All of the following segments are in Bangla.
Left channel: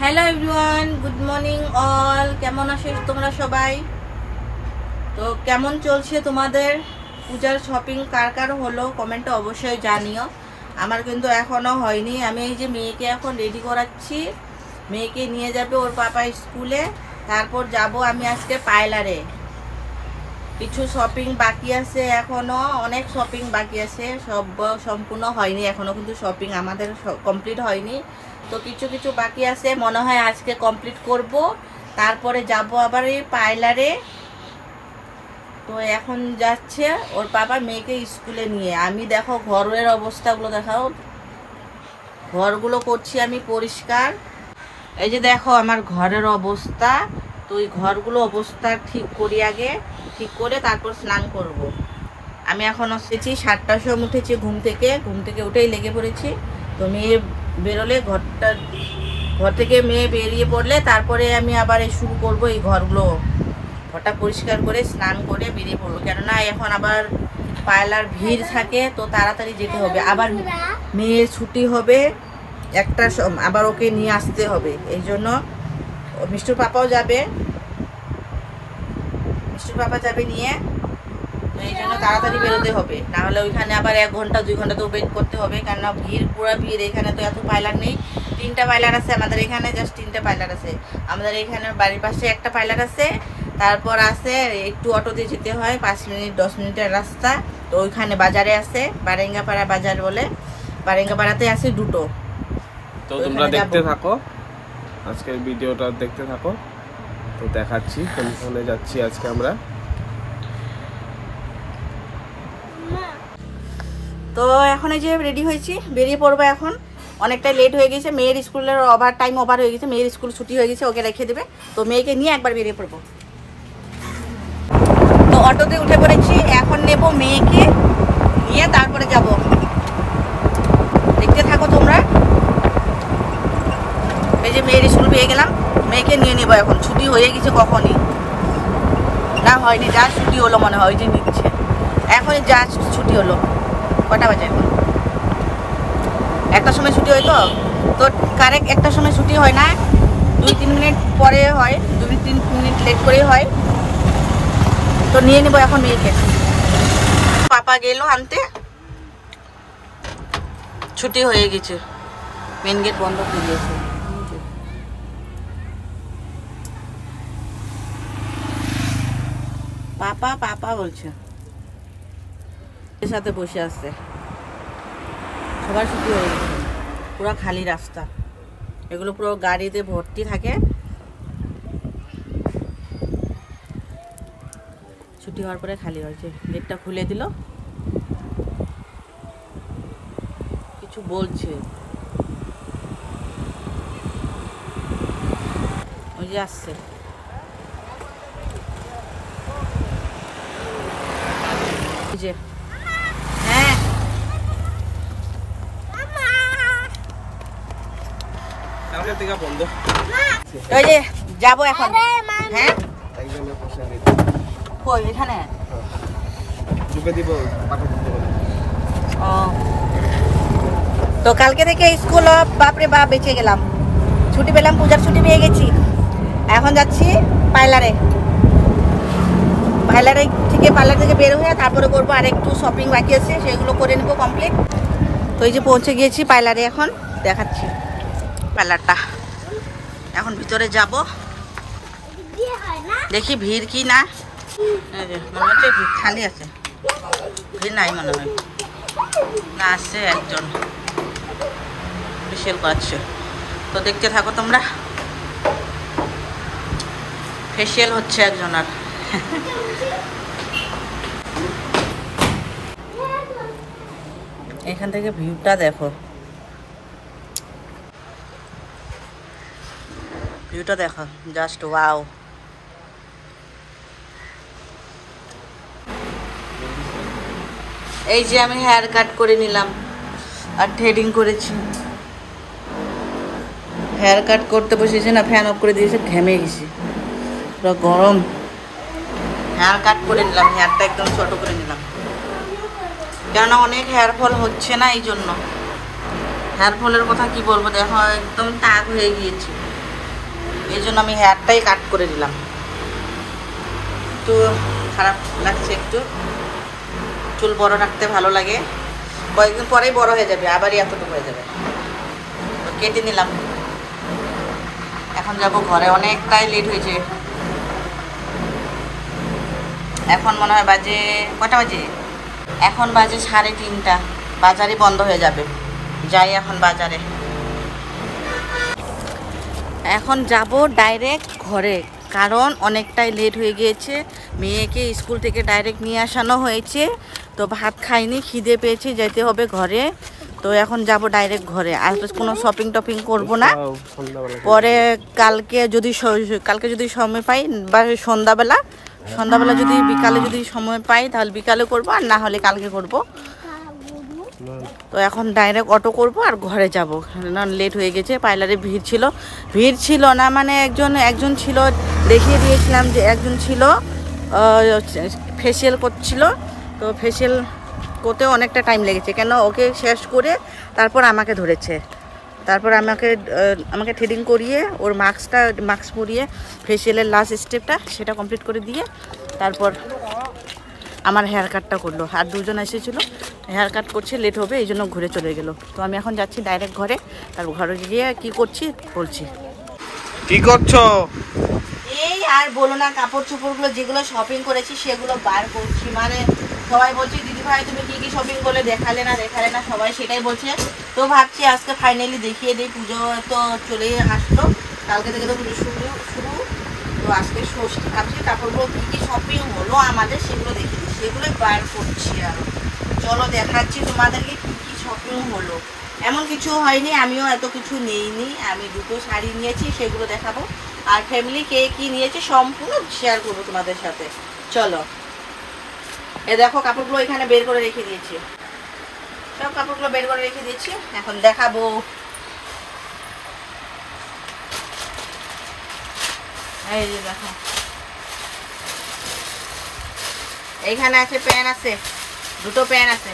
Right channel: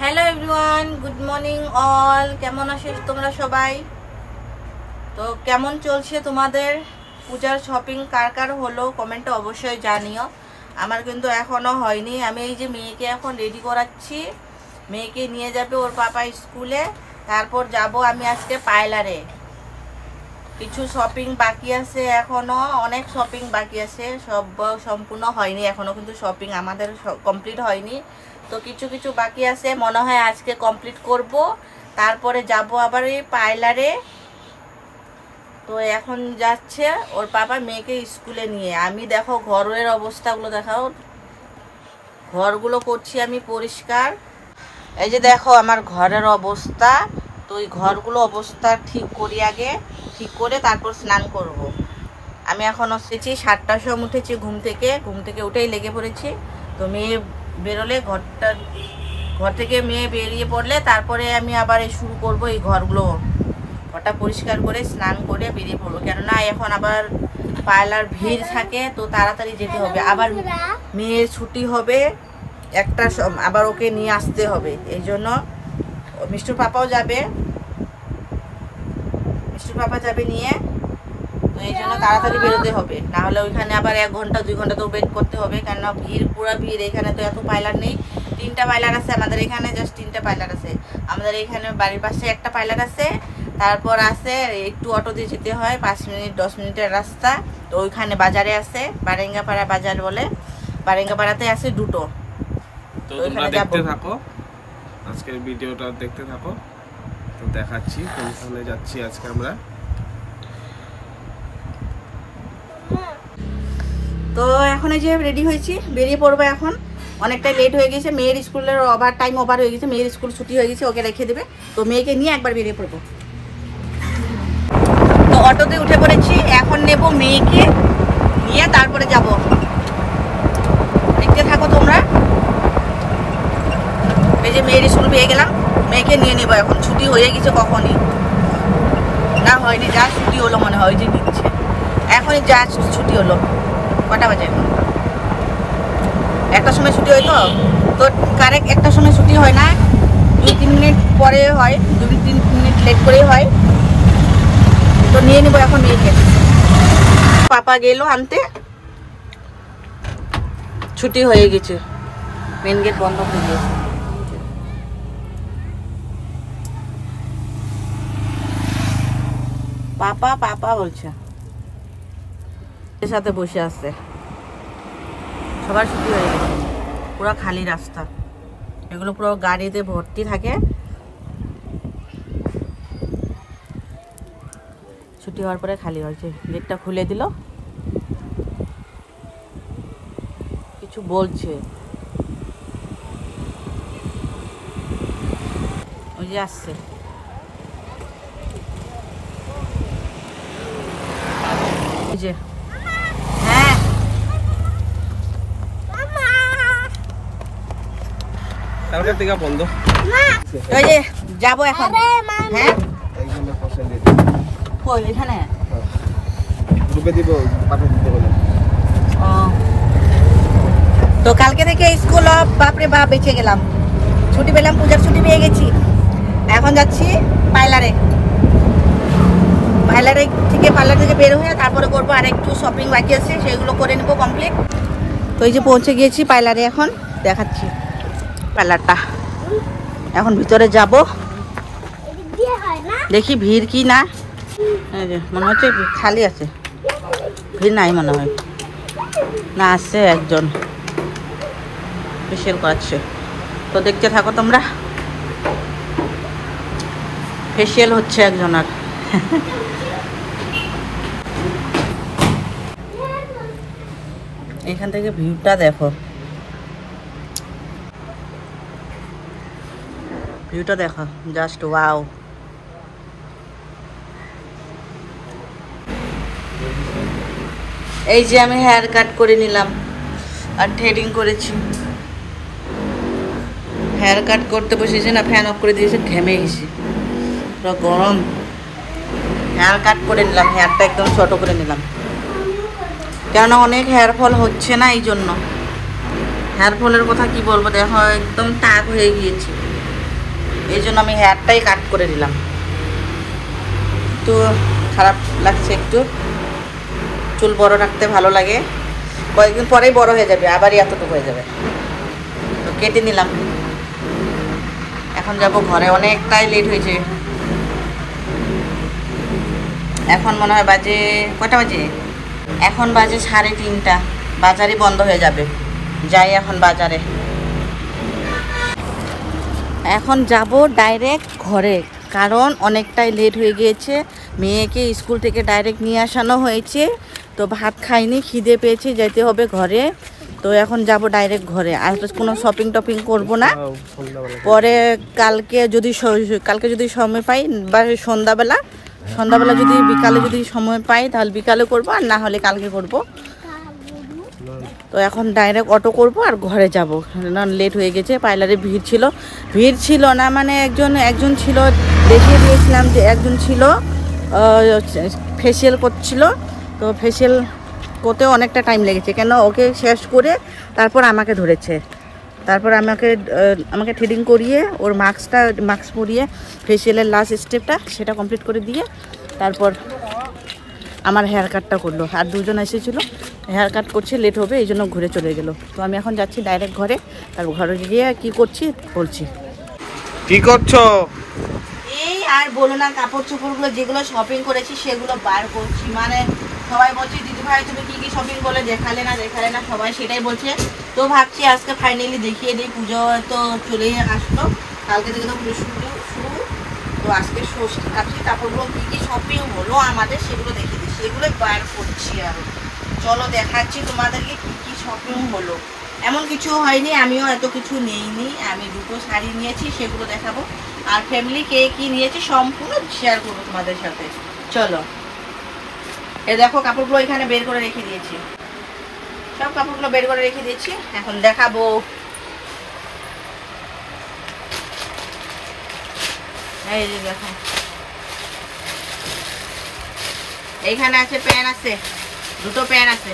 Hello everyone, good morning all. কেমন আছো তোমরা সবাই? তো কেমন চলছে তোমাদের পূজার শপিং? কার কার হলো কমেন্টে অবশ্যই জানিও। আমার কিন্তু এখনো হয়নি। আমি এই যে মেয়েকে এখন রেডি করাচ্ছি, মেয়েকে নিয়ে যাবে ওর পাপা স্কুলে, তারপর যাব আমি আজকে পার্লারে। কিছু শপিং বাকি আছে, এখনো অনেক শপিং বাকি আছে, সব সম্পূর্ণ হয়নি এখনো, কিন্তু শপিং আমাদের কমপ্লিট হয়নি। তো কিছু কিছু বাকি আছে, মনে হয় আজকে কমপ্লিট করব, তারপরে যাব আবার এই পার্লারে। তো এখন যাচ্ছে ওর বাবা মেয়েকে স্কুলে নিয়ে। আমি দেখো ঘরের অবস্থাগুলো দেখাও, ঘরগুলো করছি আমি পরিষ্কার। এই যে দেখো আমার ঘরের অবস্থা। তো এই ঘরগুলো অবস্থা ঠিক করি আগে, ঠিক করে তারপর স্নান করব। আমি এখন এসেছি 7টার সময় উঠেছি ঘুম থেকে উঠেই লেগে পড়েছি। তো মেয়ে বেরোলে ঘর থেকে মেয়ে বেরিয়ে পড়লে তারপরে আমি আবার শুরু করব এই ঘরটা পরিষ্কার করে স্নান করে বেরিয়ে পড়বো। কেননা এখন আবার পার্লার ভিড় থাকে, তো তাড়াতাড়ি যেতে হবে। আবার মেয়ের ছুটি হবে একটার সময়, আবার ওকে নিয়ে আসতে হবে। এই জন্য মিষ্টুর পাপাও যাবে, নিয়ে। তো এই জন্য তাড়াতাড়ি বেরোতে হবে, নাহলে ওইখানে আবার 1 ঘন্টা 2 ঘন্টা তো ওয়েট করতে হবে। কেননা পুরো ভিড়। এখানে তো এত পার্লার নেই, 3টা পার্লার আছে আমাদের এখানে, জাস্ট 3টা পার্লার আছে আমাদের এখানে। বাড়ির পাশে একটা পার্লার আছে, তারপর আছে একটু অটো দিয়ে যেতে হয়, 5 মিনিট 10 মিনিটের রাস্তা। তো ওইখানে বাজারে আছে, বারেঙ্গাপাড়া বাজার বলে, বারেঙ্গাপাড়াতে আছে 2টো। তো তোমরা দেখতে থাকো, আজকের ভিডিওটা দেখতে থাকো। তো দেখাচ্ছি কোনখানে যাচ্ছি আজকে আমরা। তো এখন এই যে রেডি হয়েছি, বেরিয়ে পড়বো এখন। অনেকটাই লেট হয়ে গেছে, মেয়ের স্কুলের ওভার হয়ে গেছে, মেয়ের স্কুল ছুটি হয়ে গেছে, ওকে রেখে দেবে। তো মেয়েকে নিয়ে একবার বেরিয়ে পড়বো। তো অটোতে উঠে পড়েছি, এখন নেব মেয়েকে নিয়ে, তারপরে যাব। দেখতে থাকো তোমরা। এই যে মেয়ের স্কুল পেয়ে গেলাম, মেয়েকে নিয়ে নেবো এখন। ছুটি হয়ে গেছে কখনই না, হয়নি, যা ছুটি হলো মনে হয়, ওই যে নিচ্ছে এখনই, যা ছুটি হলো। কটা বাজে? 1টার সময় ছুটি হয়। তো কারেক্ট 1টার সময় ছুটি হয় না, 2-3 মিনিট পরে হয়, 2-3 মিনিট লেট করেই হয়। তো নিয়ে নেবো এখন মেয়েকে। পাপা গেল আনতে, ছুটি হয়ে গেছে, মেন গেট বন্ধ হয়ে গেছে। পাপা পাপা বলছে, এর সাথে বসে আছে। সবার ছুটি হয়ে গেছে, পুরো খালি রাস্তা, এগুলো পুরো গাড়িতে ভর্তি থাকে। ছুটি হওয়ার পরে খালি হয়েছে। গেটটা খুলে দিল, কিছু বলছে, ওই যে আসছে। যে হ্যাঁ, ওই যে যাবো এখন। হ্যাঁ এখানে তো কালকে থেকে স্কুল, বাপরে বাপ বেঁচে গেলাম, ছুটি পেলাম, পূজার ছুটি পেয়ে গেছি। এখন যাচ্ছি পার্লারে থেকে বের হয়ে তারপরে করবো আর একটু শপিং বাকি আছে, সেগুলো করে নেবো কমপ্লিট। তো এই যে পৌঁছে গিয়েছি পার্লারে, এখন দেখাচ্ছি পার্লারটা। এখন ভিতরে যাব, দেখি ভিড় কি না। এই যে মনে হচ্ছে খালি আছে, ভিড় নাই মনে হয়, না আসছে একজন ফেসিয়াল করাচ্ছে। তো দেখতে থাকো তোমরা, ফেসিয়াল হচ্ছে একজনের। এখান থেকে ভিউটা দেখো, জাস্ট ওয়াও। এই যে আমি হেয়ার কাট করে নিলাম আর থ্রেডিং করেছি। হেয়ার কাট করতে বসেছি না, ফ্যান অফ করে দিয়েছে, ঘেমে গেছি, পুরো গরম। হেয়ার কাট করে নিলাম, হেয়ারটা একদম ছোট করে নিলাম, কেননা অনেক হেয়ার ফল হচ্ছে না, এই জন্য। হেয়ার ফলের কথা কি বলবো, দেখো একদম টাক হয়ে গিয়েছে। এই জন্য আমি হেয়ারটাই কাট করে দিলাম। একটু খারাপ লাগছে, একটু চুল বড় রাখতে ভালো লাগে, কয়েকদিন পরেই বড় হয়ে যাবে, আবারই এতটুকু হয়ে যাবে। তো কেটে নিলাম। এখন যাব ঘরে, অনেকটাই লেট হয়েছে। এখন মনে হয় বাজে কটা বাজে, এখন বাজে 3:30। বাজারই বন্ধ হয়ে যাবে, যাই এখন বাজারে। এখন যাব ডাইরেক্ট ঘরে, কারণ অনেকটাই লেট হয়ে গিয়েছে। মেয়েকে স্কুল থেকে ডাইরেক্ট নিয়ে আসানো হয়েছে, তো ভাত খাইনি, খিদে পেয়েছে, যেতে হবে ঘরে। তো এখন যাব ডাইরেক্ট ঘরে, আর কোনো শপিং টপিং করব না। পরে কালকে যদি সময় পাই, বা সন্ধ্যাবেলা যদি বিকালে যদি সময় পাই তাহলে বিকালে করব, আর না হলে কালকে করব। তো এখন ডাইরেক্ট অটো করব আর ঘরে যাব, কারণ লেট হয়ে গেছে। পার্লারে ভিড় ছিল না, মানে একজন ছিল, দেখিয়ে দিয়েছিলাম যে একজন ছিল ফেসিয়াল করছিল। তো ফেসিয়াল করতেও অনেকটা টাইম লেগেছে, কেন ওকে শেষ করে তারপর আমাকে ধরেছে। তারপর আমাকে থ্রেডিং করিয়ে ওর মাস্ক পরিয়ে ফেসিয়ালের লাস্ট স্টেপটা সেটা কমপ্লিট করে দিয়ে তারপর আমার হেয়ার কাটটা করলো। আর দুজন এসেছিলো, হেয়ার কাট করছে, লেট হবে, এই জন্য ঘুরে চলে গেলো। তো আমি এখন যাচ্ছি ডাইরেক্ট ঘরে, তারপর ঘরে গিয়ে কি করছি বলছি। কি করছো? এই আর বলো না, কাপড় চোপড়গুলো যেগুলো শপিং করেছি সেগুলো বার করছি। মানে সবাই বলছে দিদি ভাই তুমি কি কি শপিং করলে, দেখালে না, সবাই সেটাই বলছে। তো ভাবছি আজকে ফাইনালি দেখিয়ে দিই। পুজো তো চলেই আসলো, কালকে থেকে তো পুজো শুরু। তো আজকে ষষ্ঠী, ভাবছি কাপড়গুলো কি কি শপিং হলো আমাদের সেগুলো দেখিয়ে দিই, সেগুলো বার করছি। আরো চলো দেখাচ্ছি তোমাদেরকে কি কি শপিং হলো। এমন কিছু হয়নি, আমিও এত কিছু নিইনি, আমি 2টো শাড়ি নিয়েছি, সেগুলো দেখাবো। আর ফ্যামিলি কে কি নিয়েছে সম্পূর্ণ শেয়ার করবো তোমাদের সাথে। চলো, এ দেখো কাপড়গুলো এখানে বের করে রেখে দিয়েছি, সব কাপড়গুলো বের করে রেখে দিয়েছি, এখন দেখাবো। এই যে দেখো, এইখানে আছে প্যান, আছে 2টো প্যান আছে।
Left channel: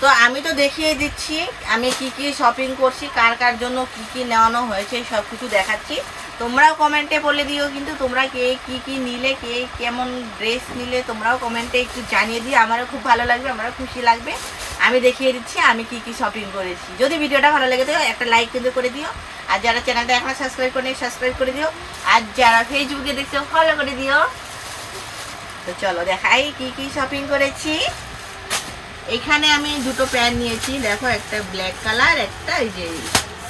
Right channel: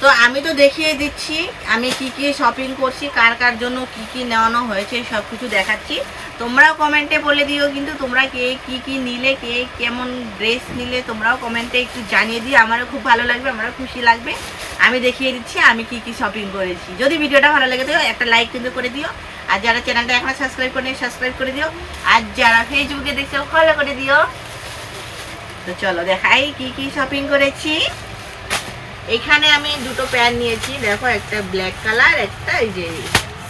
তো আমি তো দেখিয়ে দিচ্ছি আমি কি কি শপিং করছি, কার কার জন্য কি কি নেওয়ানো হয়েছে সব কিছু দেখাচ্ছি। তোমরাও কমেন্টে বলে দিও, কিন্তু তোমরা কে কি কি নিলে, কে কেমন ড্রেস নিলে, তোমরাও কমেন্টে একটু জানিয়ে দিও, আমারও খুব ভালো লাগবে, আমারও খুশি লাগবে। আমি দেখিয়ে দিচ্ছি আমি কি কি শপিং করেছি। যদি ভিডিওটা ভালো লাগে তো একটা লাইক কিন্তু করে দিও, আর যারা চ্যানেলটা এখনো সাবস্ক্রাইব করে সাবস্ক্রাইব করে দিও, আর যারা ফেসবুকে দেখছো ফলো করে দিও। তো চলো দেখাই কি কি শপিং করেছি। এখানে আমি 2টো প্যান্ট নিয়েছি, দেখো, একটা ব্ল্যাক কালার, একটা এই যে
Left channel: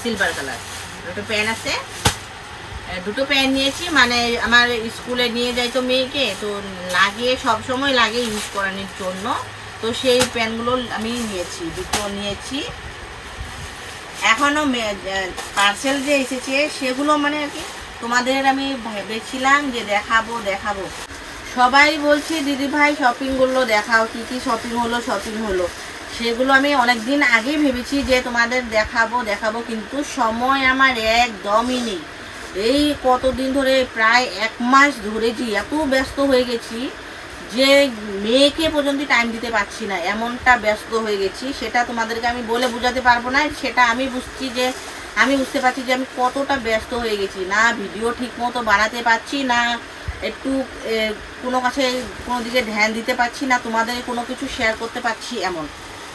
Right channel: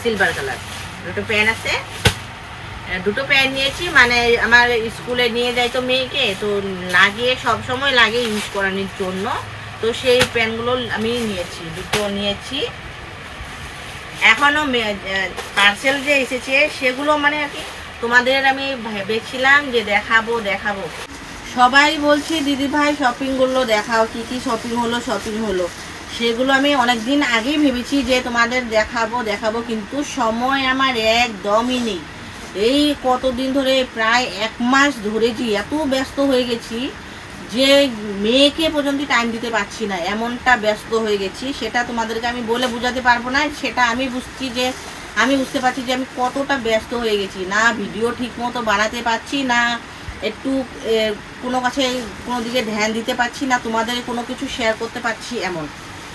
সিলভার কালার। 2টো প্যান্ট আছে, 2টো প্যান্ট নিয়েছি। মানে আমার স্কুলে নিয়ে যাই তো মেয়েকে, তো লাগে, সবসময় লাগে ইউজ করানোর জন্য। তো সেই প্যান্টগুলো আমি নিয়েছি, 2টো নিয়েছি। এখনো পার্সেল যে এসেছে সেগুলো মানে আর কি তোমাদের আমি ভেবেছিলাম যে দেখাবো। সবাই বলছে দিদি ভাই শপিং গুলো দেখাও, কি কি শপিং হলো। সেগুলো আমি অনেকদিন আগেই ভেবেছি যে তোমাদের দেখাবো, কিন্তু সময় আমার একদমই নেই। এই কতদিন ধরে, প্রায় 1 মাস ধরেছি, এত ব্যস্ত হয়ে গেছি যে মেয়েকে পর্যন্ত টাইম দিতে পারছি না, এমনটা ব্যস্ত হয়ে গেছি। সেটা তোমাদেরকে আমি বলে বোঝাতে পারবো না। সেটা আমি বুঝতে পারছি যে আমি কতটা ব্যস্ত হয়ে গেছি। না ভিডিও ঠিক মতো বানাতে পারছি না, একটু কোনো দিকে ধ্যান দিতে পারছি না, তোমাদের কোনো কিছু শেয়ার করতে পারছি এমন।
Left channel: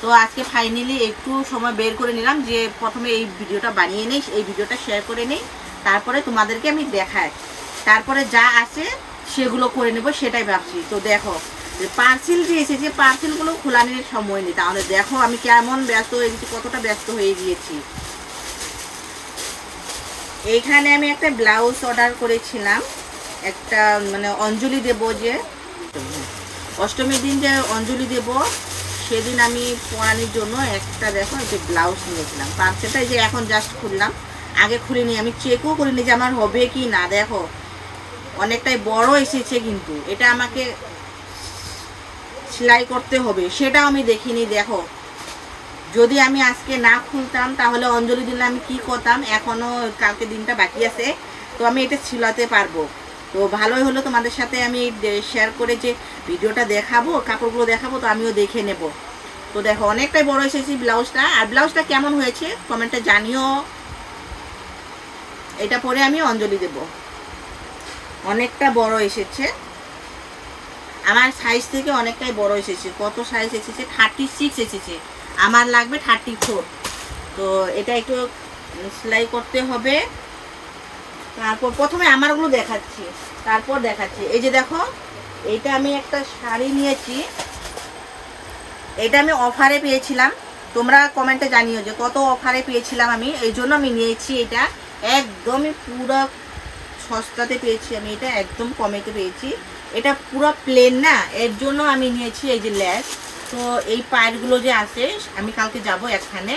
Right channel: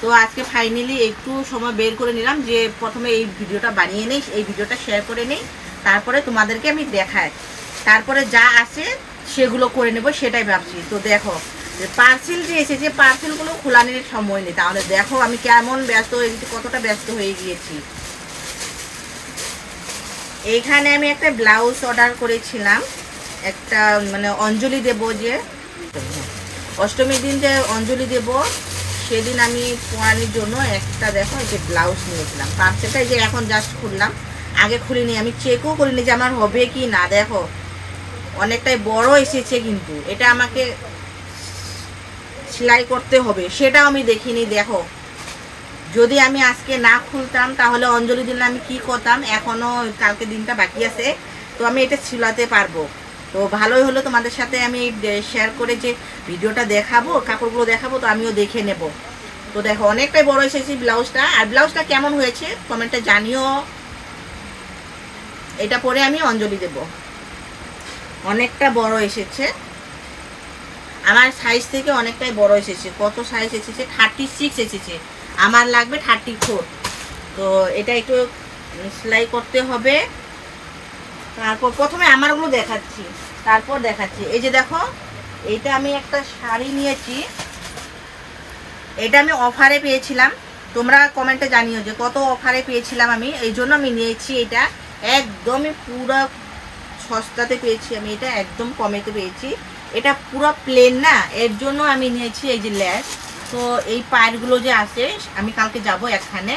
তো আজকে ফাইনালি একটু সময় বের করে নিলাম যে প্রথমে এই ভিডিওটা বানিয়ে নেই, এই ভিডিওটা শেয়ার করে নেই, তারপরে তোমাদেরকে আমি দেখাই, তারপরে যা আছে সেগুলো করে নেব, সেটাই ভাবছি। তো দেখো পার্সেল যে এসেছে, পার্সেলগুলো খোলানোর সময় নেই। তাহলে দেখো আমি কেমন ব্যস্ত হয়ে গেছি, কতটা ব্যস্ত হয়ে গিয়েছি। এখানে আমি একটা ব্লাউজ অর্ডার করেছিলাম, একটা মানে অঞ্জলি দেব, যে অষ্টমীর দিন যে অঞ্জলি দেব সেদিন আমি পরানোর জন্য একটা, দেখো, এই যে ব্লাউজ নিয়েছিলাম। পার্সেলটা যে এখন জাস্ট খুললাম, আগে খুলিনি, আমি চেকও করিনি যে আমার হবে কি না। দেখো অনেকটাই বড় এসেছে, কিন্তু এটা আমাকে সেলাই করতে হবে, সেটাও আমি দেখিনি। দেখো যদি আমি আজকে না খুলতাম তাহলে অঞ্জলি দিলে আমি কি করতাম, এখনো কালকে দিনটা বাকি আছে, তো আমি এটা ছিলাতে পারবো। তো ভালোই হলো তোমাদের সাথে আমি শেয়ার করে যে ভিডিওটা দেখাবো, কাপড়গুলো দেখাবো, তো আমিও দেখে নেব। তো দেখো অনেকটাই বড় এসেছে ব্লাউজটা। আর ব্লাউজটা কেমন হয়েছে কমেন্টে জানিও। এটা পরে আমি অঞ্জলি দেব। অনেকটা বড় এসেছে, আমার সাইজ থেকে অনেকটাই বড় এসেছে। কত সাইজ এসেছে? 36 এসেছে, আমার লাগবে 34। তো এটা একটু সেলাই করতে হবে। তারপর প্রথমে আমারগুলো দেখাচ্ছি, তারপর দেখাচ্ছি। এই যে দেখো, এইটা আমি একটা শাড়ি নিয়েছি, এটা আমি অফারে পেয়েছিলাম। তোমরা কমেন্টে জানিও যে কত অফারে পেয়েছিলাম আমি, এই জন্য আমি নিয়েছি। এটা একদমই পুরো সস্তাতে পেয়েছি আমি, এটা একদম কমেতে পেয়েছি। এটা পুরো প্লেন না, এর জন্য আমি নিয়েছি এই যে ল্যাস। তো এই পায়েরগুলো যে আছে, আমি কালকে যাব এখানে,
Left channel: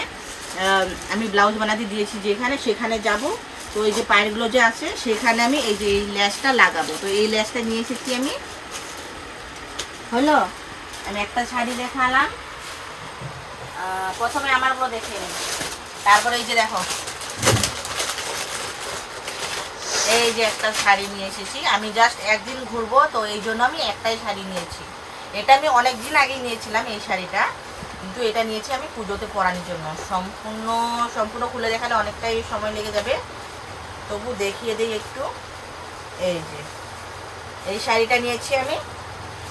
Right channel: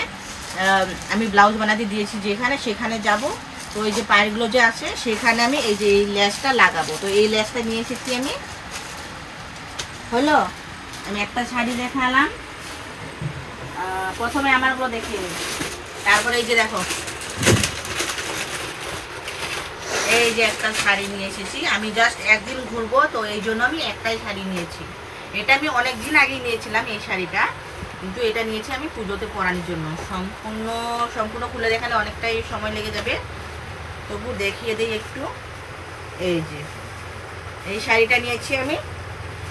আমি ব্লাউজ বানাতে দিয়েছি যেখানে, সেখানে যাব। তো এই যে পায়েরগুলো যে আছে সেখানে আমি এই যে এই ল্যাসটা লাগাবো। তো এই ল্যাসটা নিয়ে এসেছি আমি। হলো, আমি একটা শাড়ি দেখালাম, প্রথমে আমারগুলো দেখিয়ে নেব। তারপরে এই যে দেখো, এই যে একটা শাড়ি নিয়ে এসেছি আমি, জাস্ট একদিন ঘুরবো, তো এই জন্য আমি একটাই শাড়ি নিয়েছি। এটা আমি অনেক দিন আগেই নিয়েছিলাম এই শাড়িটা, কিন্তু এটা নিয়েছি আমি পুজোতে পরানোর জন্য। সম্পূর্ণ খুলে দেখালে অনেকটাই সময় লেগে যাবে, তবু দেখিয়ে দিই একটু। এই যে এই শাড়িটা নিয়েছি আমি,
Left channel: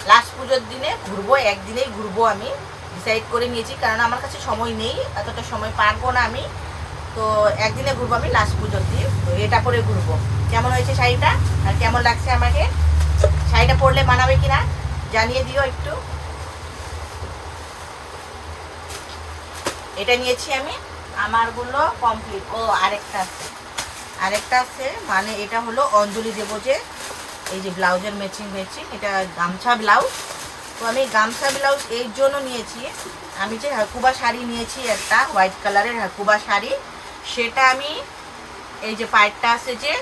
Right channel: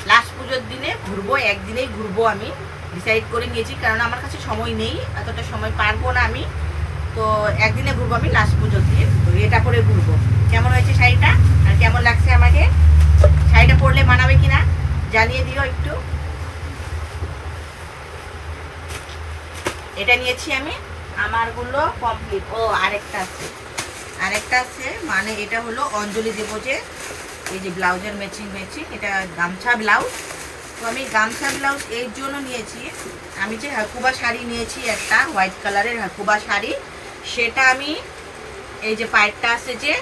লাস্ট পুজোর দিনে ঘুরবো, একদিনেই ঘুরবো আমি ডিসাইড করে নিয়েছি, কারণ আমার কাছে সময় নেই, এতটা সময় পারবো না আমি। তো একদিনে ঘুরবো আমি লাস্ট পুজোর দিন। তো এটা করে ঘুরবো। কেমন হয়েছে শাড়িটা আর কেমন লাগছে আমাকে, শাড়িটা পরলে মানাবে কিনা জানিয়ে দিও একটু। এটা নিয়েছি আমি, আমারগুলো কমপ্লিট। ও আরেকটা আছে, মানে এটা হলো অঞ্জলি দেবো যে, এই যে ব্লাউজের ম্যাচিং, এটা গামছা ব্লাউজ। তো আমি গামছা ব্লাউজ এর জন্য নিয়েছি, আমি যে হাকুবা শাড়ি নিয়েছি একটা হোয়াইট কালারের হাকুবা শাড়ি, সেটা আমি এই যে পাইটটা আছে যে,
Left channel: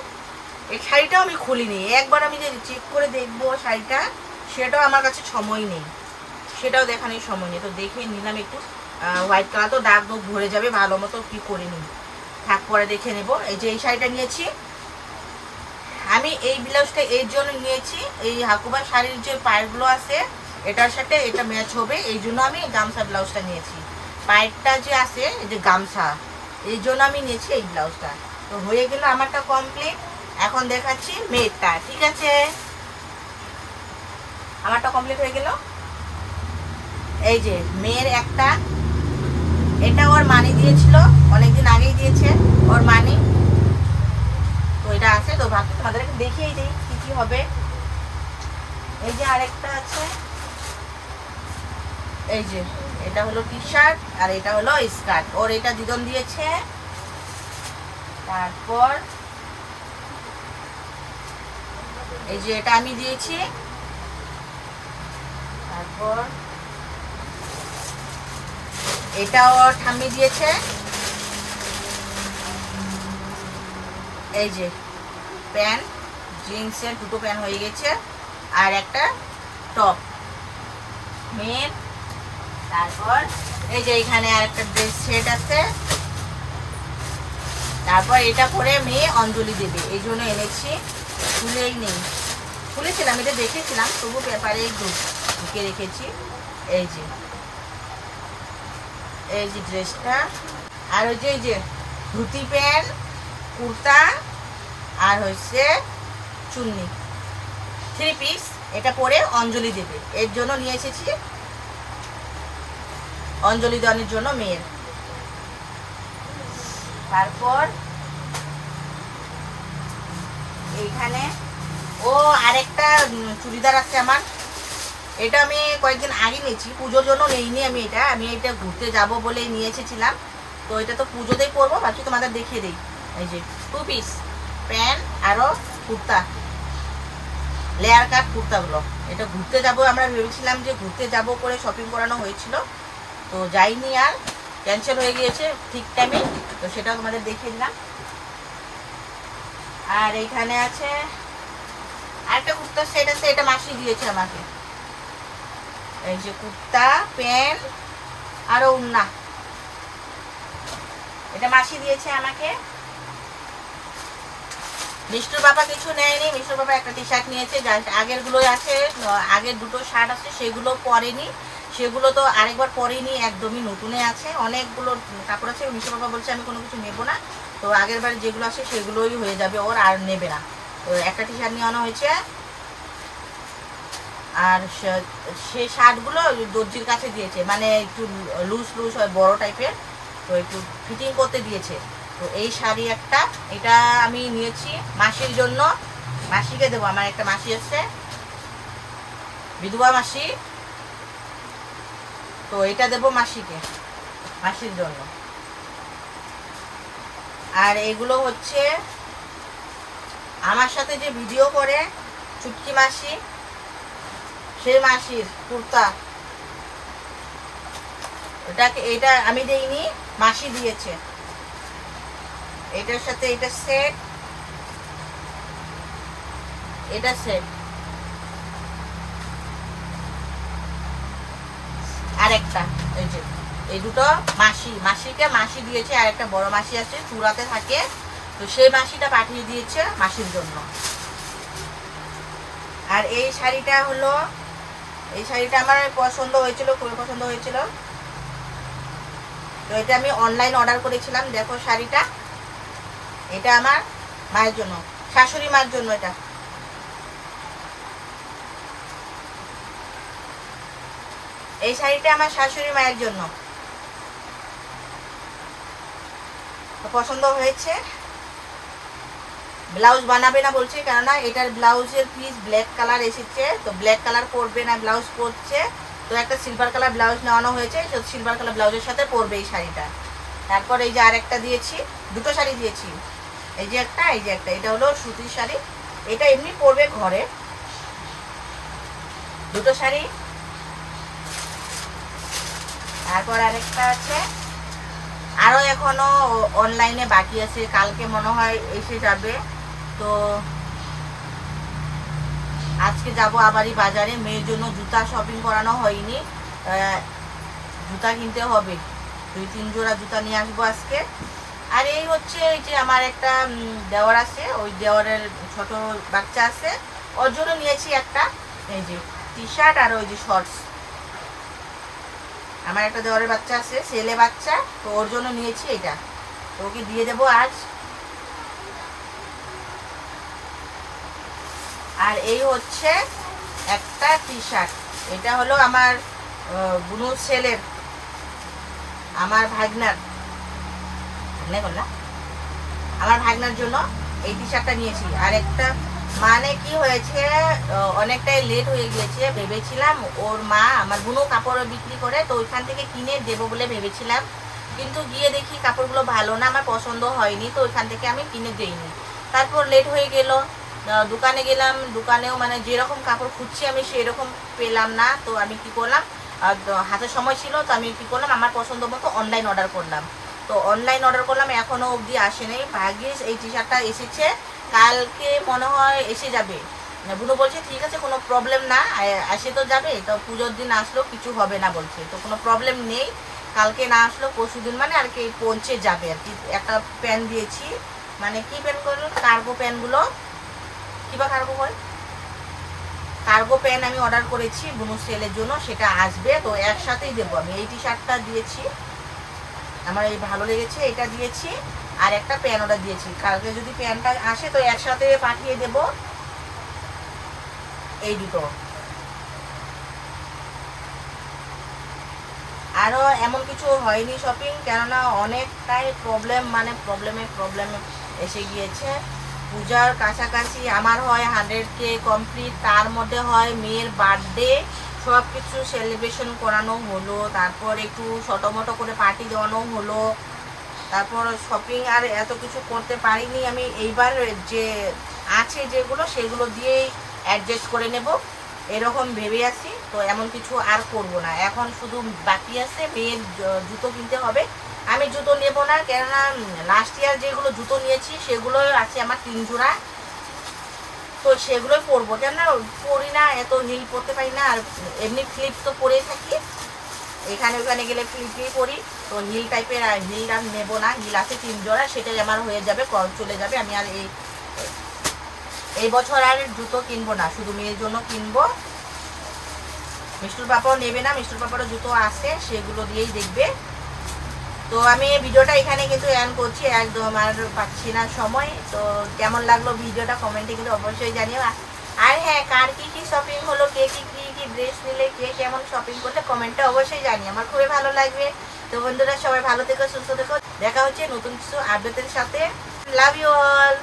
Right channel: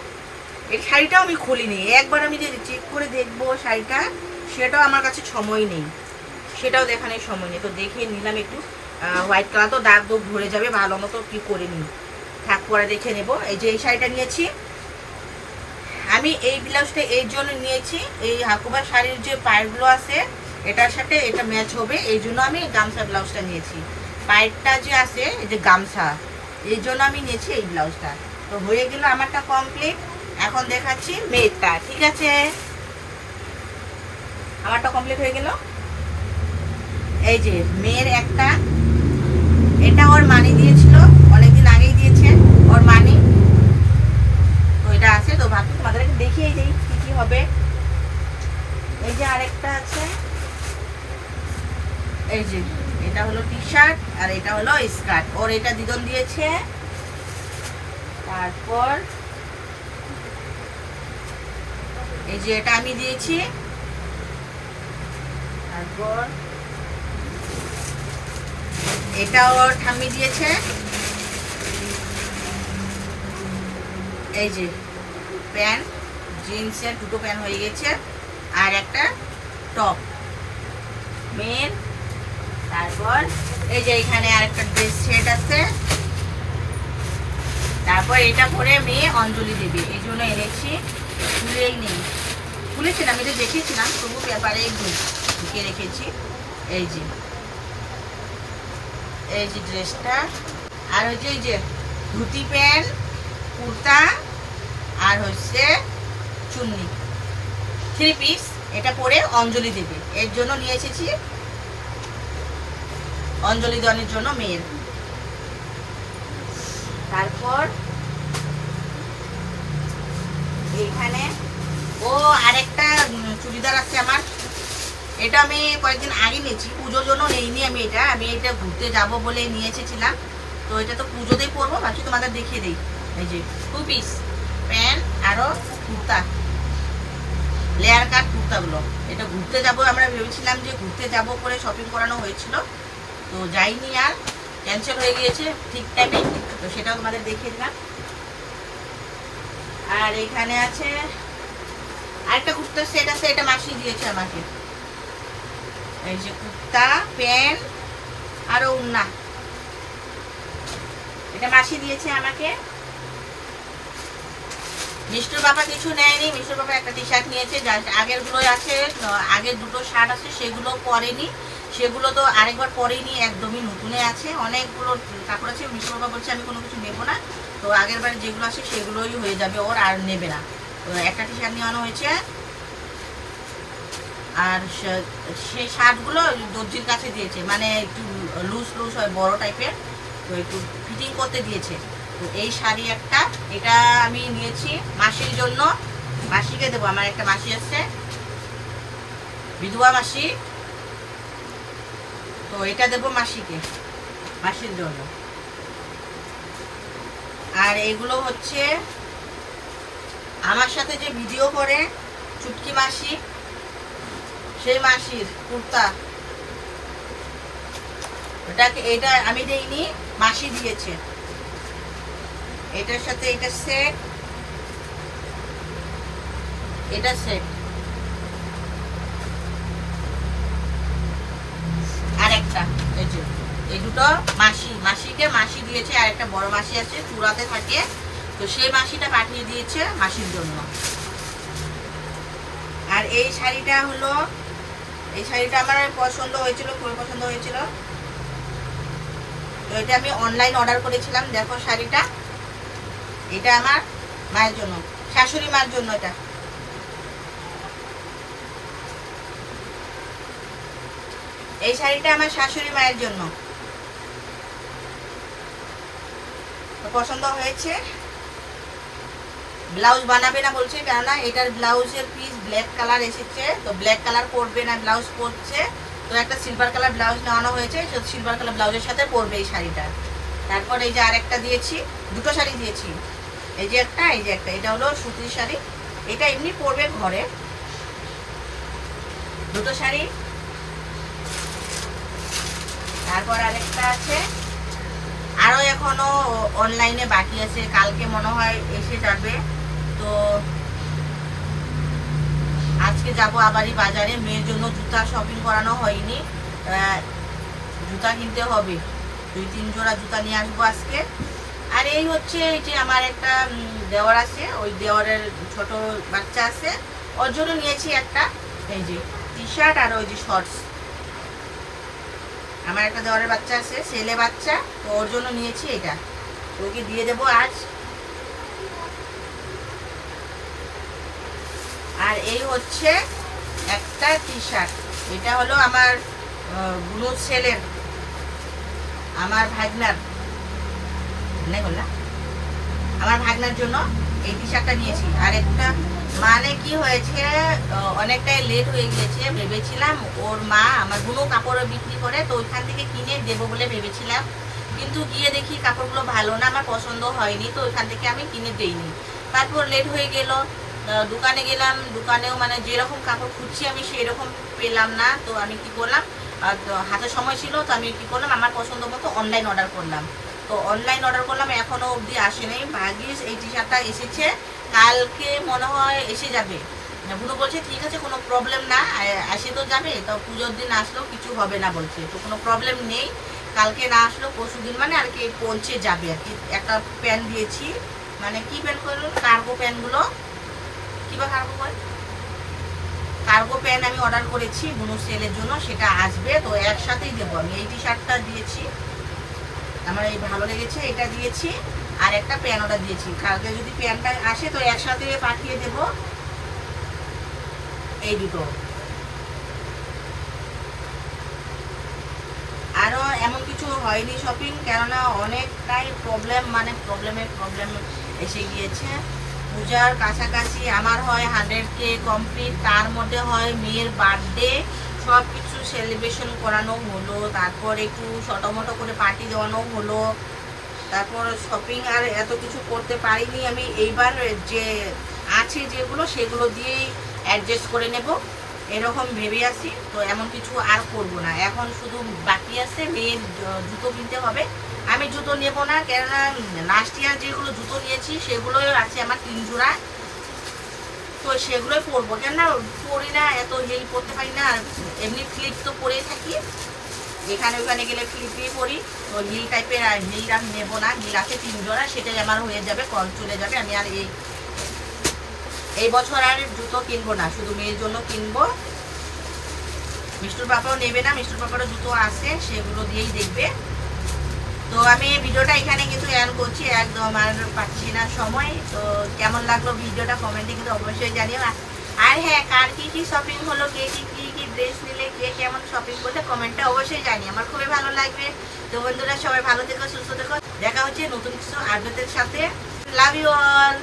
এই শাড়িটাও আমি খুলিনি, একবার আমি যে চেক করে দেখবো শাড়িটা, সেটাও আমার কাছে সময় নেই, সেটাও দেখানোর সময় নেই। তো দেখে নিলাম একটু, হোয়াইট কালার তো দাগ দোগ ভরে যাবে, ভালো মতো কি করে নিই, থাক পরে দেখে নেব। এই যে এই শাড়িটা নিয়েছি আমি, এই ব্লাউজটা এই জন্য নিয়েছি, এই হাকুবা শাড়ির যে পায়েরগুলো আছে এটার সাথে এটা ম্যাচ হবে, এই জন্য আমি গামছা ব্লাউজটা নিয়েছি। পায়েরটা যে আছে এই যে গামছা, এই জন্য আমি নিয়েছি এই ব্লাউজটা। তো হয়ে গেল আমারটা কমপ্লিট। এখন দেখাচ্ছি মেয়েরটা, ঠিক আছে? আমারটা কমপ্লিট হয়ে গেল। এই যে মেয়ের একটা, এটা ওর মানি দিয়েছিল, অনেকদিন আগেই দিয়েছে ওর মানি। তো এটা আছে, তো ভাবছি তোমাদের দেখিয়ে দিই কি কি হবে। এই যে আরেকটা আছে, এই যে এটা হলো টি শার্ট আর এটা হলো স্কার্ট, ওর এটা দিদন দিয়েছে। তারপর এই যে এটা আমি দিয়েছি। তারপর এটা ওর ঠাম্মি দিয়েছে। এই যে প্যান্ট, জিন্সের দুটো প্যান্ট হয়ে গেছে, আর একটা টপ মেয়ের। তারপর এই যে এখানে আরেকটা ড্রেস সেট আছে। তারপর এটা পরে মেয়ে অঞ্জলি দেবে, এই জন্য এনেছি, খুলেই নেই, খুলেছিলাম, এটা দেখেছিলাম, তবু পেপারে ঢুকে রেখেছি। এই যে ড্রেসটা, আর ওই যে এই যে ধুতি প্যান্ট, কুর্তা, আর হচ্ছে চুন্নি, 3 পিস, এটা পরে অঞ্জলি দেবে, এর জন্য নিয়ে এসেছি, অঞ্জলি দানের জন্য মেয়ের। তারপর এইখানে আরেকটা চুড়িদার আছে আমার, এটা আমি কয়েকদিন আগে নিয়েছি, পুজোর জন্য নেইনি আমি, আমি এটা ঘুরতে যাব বলে নিয়ে এসেছিলাম। তো এটা তো পুজোতেই পরবো, ভাবছি তোমাদের দেখিয়ে দিই। এই যে 2 পিস প্যান্ট আরো কুর্তা, লেয়ার কাট কুর্তাগুলো, এটা ঘুরতে যাব, আমরা ভেবেছিলাম যে ঘুরতে যাব করে শপিং করানো হয়েছিল, তো যাইনি, আর ক্যান্সেল হয়ে গিয়েছে ঠিক টাইমে, তো সেটা মানে দেখিয়ে দিলাম। আর এখানে আছে আরেকটা কুর্তা সেট আছে, এটা মাসি দিয়েছে আমাকে। এই যে কুর্তা প্যান্ট আরো ওড়না, এটা মাসি দিয়েছে আমাকে। মিষ্টুর বাবা কিছু নেয়নি, মিষ্টুর বাবা একটা টি শার্ট নিয়েছে, আগের গুলো আছে, আগের দুটো শার্ট আছে সেগুলো পরেনি, সেগুলো তো আরেকবার পরেইনি, একদমই নতুনে আছে। অনেকগুলো কাপড় আছে, মিশো বাবা বলছে আমি কোনো কিছু নেবো না, তো আগের বারে যেগুলো আছে সেগুলোই হয়ে যাবে, ওর আর নেবে না। তো একটা টি শার্ট নিয়ে আনা হয়েছে, আর সেই শার্টগুলো দর্জির কাছে দিয়েছে, মানে একটু লুজ লুজ হয়, বড় টাইপের, তো একটু ফিটিং করতে দিয়েছে। তো এই শাড়ি একটা, এটা আমি নিয়েছি মাসির জন্য, মাসিকে দেবো। আমার একটা মাসি আছে, বিধবা মাসি, তো এটা দেবো মাসিকে, মাসির জন্য। আর এগুলো হচ্ছে আমার সাথে যে ভিডিও করে চুটকি মাসি, সেই মাসির কুর্তা। এটা আমি দেইনি, মাসি দিয়েছে। এটার সাথে এটা সেট, এটা সেট। আর একটা এই যে, এই দুটো মাসিকে মাসি দিয়েছে। আর একটা বড় মাসি আছে, চূড়াতে থাকে, তো সেই মাসিটা পাঠিয়ে দিয়েছে মাসির জন্য। আর এই শাড়িটা হলো, এই শাড়িটা আমার পছন্দ হয়েছিল, খুবই পছন্দ হয়েছিল। তো এটা আমি অনলাইন অর্ডার করেছিলাম। দেখো শাড়িটা, এটা আমার মায়ের জন্য, শাশুড়ি মার জন্য। এটা এই শাড়িটা আমার শাশুড়ি মায়ের জন্য পছন্দ হয়েছে। ব্লাউজ বানাবে না বলছে, কেননা এটার ব্লাউজের পিস ব্ল্যাক কালার এসেছে, তো ব্ল্যাক কালার করবে না, ব্লাউজ করছে। তো একটা সিলভার কালার ব্লাউজ নেওয়ানো হয়েছে, তো সিলভার কালার ব্লাউজের সাথে পরবে এই শাড়িটা। তারপর এই যে আরেকটা দিয়েছি, দুটো শাড়ি দিয়েছি, এই যে একটা, এই যে একটা। এটা হলো সুতির শাড়ি, এটা এমনি পরবে ঘরে। দুটো শাড়ি। তারপর আরেকটা আছে, আরো এখনো অনলাইনে বাকি আছে, কালকে মনে হয় এসে যাবে। তো আজকে যাব আবারই বাজারে, মেয়ের জন্য জুতা শপিং করানো হয়নি, জুতা কিনতে হবে। 2-3 জোড়া জুতা নিয়ে আসবো আজকে। আর এই হচ্ছে, এই যে আমার একটা দেওয়ার আছে, ওই দেওয়ারের ছোট বাচ্চা আছে, ওর জন্য নিয়েছি একটা এই যে টি শার্ট আর ওই যে শর্টস। আমার একটা দেওয়ারের বাচ্চা আছে, ছেলে বাচ্চা, তো ওর জন্য নিয়েছি এটা, তো ওকে দিয়ে দেবো আজ। আর এই হচ্ছে একটা টি শার্ট, এটা হলো আমার বুনু ছেলের, আমার ভাগনার, আমার ভাগনার জন্য এই টি শার্টটা নিয়েছি। আর একটা, মানে কি হয়েছে, অনেকটাই লেট হয়ে গিয়েছে। ভেবেছিলাম ওর মা, আমার বুনো কাপড় বিক্রি করে, তো ওইখান থেকে কিনে দেবো বলে ভেবেছিলাম, কিন্তু গিয়ে দেখি কাপড়গুলো ভালো না, আমার পছন্দ হয়নি, তো ওইখান থেকে আমি কিনে দেইনি। তারপর লেট হয়ে গেল, দোকানে গেলাম, দোকানেও মানে যেরকম কাপড় খুঁজছি আমি সেরকম পেলাম না। তো আমি কি করলাম, হাতে সময় ছিল, তো আমি কি করলাম, আমার পছন্দ মতো অনলাইন অর্ডার করলাম। তো অনলাইন অর্ডার করলাম, এখনো অবধি আসে নেই। ভাগ্যিস এই টি শার্টটা এসেছে, কালকে মনে হয় এসে যাবে। বুনো বলছে ঠিক আছে, কোনো প্রবলেম না, এসে তো যাবে, তো পুজোর দিন আসলো কিছু হবে না বলছে, তো কোনো প্রবলেম নেই। কালকে না আসলো পরশু দিন মানে আর কি পৌঁছে যাবে আর কি। একটা প্যান্ট দিয়েছি, মানে কি প্যান্ট করলো, কার্গো প্যান্টগুলো, কিবা কার্গো হয়, কার্গো প্যান্ট আমি অর্ডার করেছি বুনু সেলের জন্য, সেটা আসবে, তো একসাথেই দেবো আমি। এই টি শার্টটা দিয়েছি, আমার এই ভালো লেগেছে, এটা দিয়েছি, আর একটা প্যান্ট অর্ডার দিয়েছি। কালকে যদি প্যান্টটা আসে তো একসাথে পাঠিয়ে দেব এই দুটো। আরো এমন কিছু হয়নি শপিং, কেননা অনেকটাই প্রবলেম, মানে প্রবলেমে এসে গিয়েছে। পূজার কাছাকাছি আমার হয় 100K কমপ্লিট, তার মধ্যে হয় মেয়ের বার্থডে, সব কিছু সেলিব্রেশন করানো হলো, তারপর একটু ছোটোমোটো করে পার্টি দেওয়ানো হলো, তারপর শপিং আর এত কিছু করতে পারিনি আমি। এইবার যে আছে যেগুলো সেগুলো দিয়েই অ্যাডজাস্ট করে নেব এরকম ভেবে আছি। তো এমন কিছু আর করব না, এখন শুধু বাকি আছে মেয়ের জুতো কিনতে হবে। আমি জুতো নেব না, কেননা লাস্ট ইয়ার যেগুলো জুতো নিয়েছি সেগুলো আছে আমার 3 জোড়া, তো সেগুলোই পরবো, কেননা পরি না, এত হিল পরতে পারি না। আর এমনি ফ্লিপ তো পরেই থাকি, এখানে ওখানে গেলে ফ্লিপই পরি, তো হিল টাইপের আর হিল আর নেবো না। হিল আছে 3 জোড়া, সেটাই আমার হয়ে যাবে, চলে যাবে। আমি আর এই বছর আর জুতো কিনবো না, শুধু মেয়ের জন্য কিনবো। মিষ্টুর পাপাও নেবে না, মিষ্টুর পাপারও জুতো আছে, সেগুলো দিয়েই দেখবে। তো আমি ভিডিওটা এখানে কিন্তু এন্ড করছি, একদম আর পাচ্ছি না সময়। তো কেমন লাগলো ভিডিওটা কমেন্টে কিন্তু অবশ্যই জানিও। আর হ্যাঁ, কার কি কি শপিং হলো, কে কি কি ড্রেস নিলে, কে কেমন শপিং করলে কমেন্টে অবশ্যই জানিও, আমার খুবই ভালো লাগবে। তো বন্ধুরা সবাই ভালো থেকো, সুস্থ থেকো, দেখা হচ্ছে নতুন কিছু আপডেটের সাথে। Love you all.